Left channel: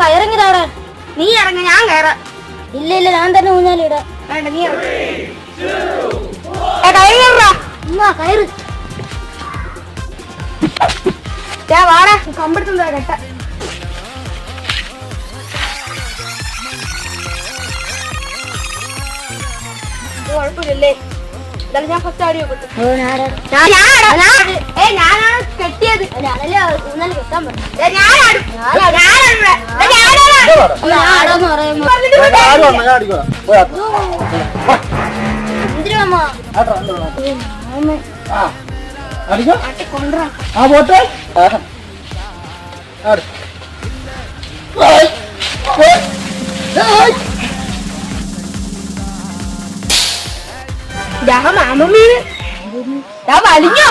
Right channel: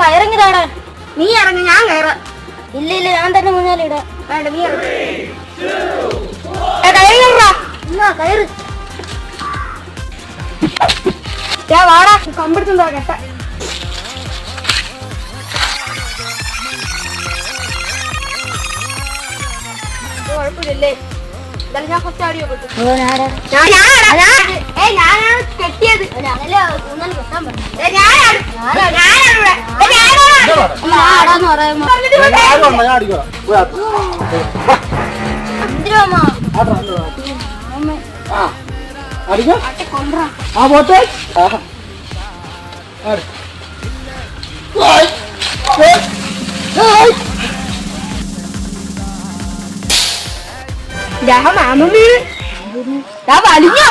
കയറിങ്ങിടാടാ. നീ ഇറങ്ങ, ഞാൻ കയറാം. ഇല്ല ഇല്ല, ഞാൻ തന്നെ ഊഞ്ഞാലിടാ. വേണ്ട, നീ കയറ്. വാടാ, കമ്പെടുത്തുണ്ടാ കേട്ട. കുഴപ്പമില്ലല്ലേ? ഞാൻ ഫസ്റ്റ് ആടിയോ കെട്ടിയത് വലിഞ്ഞോ.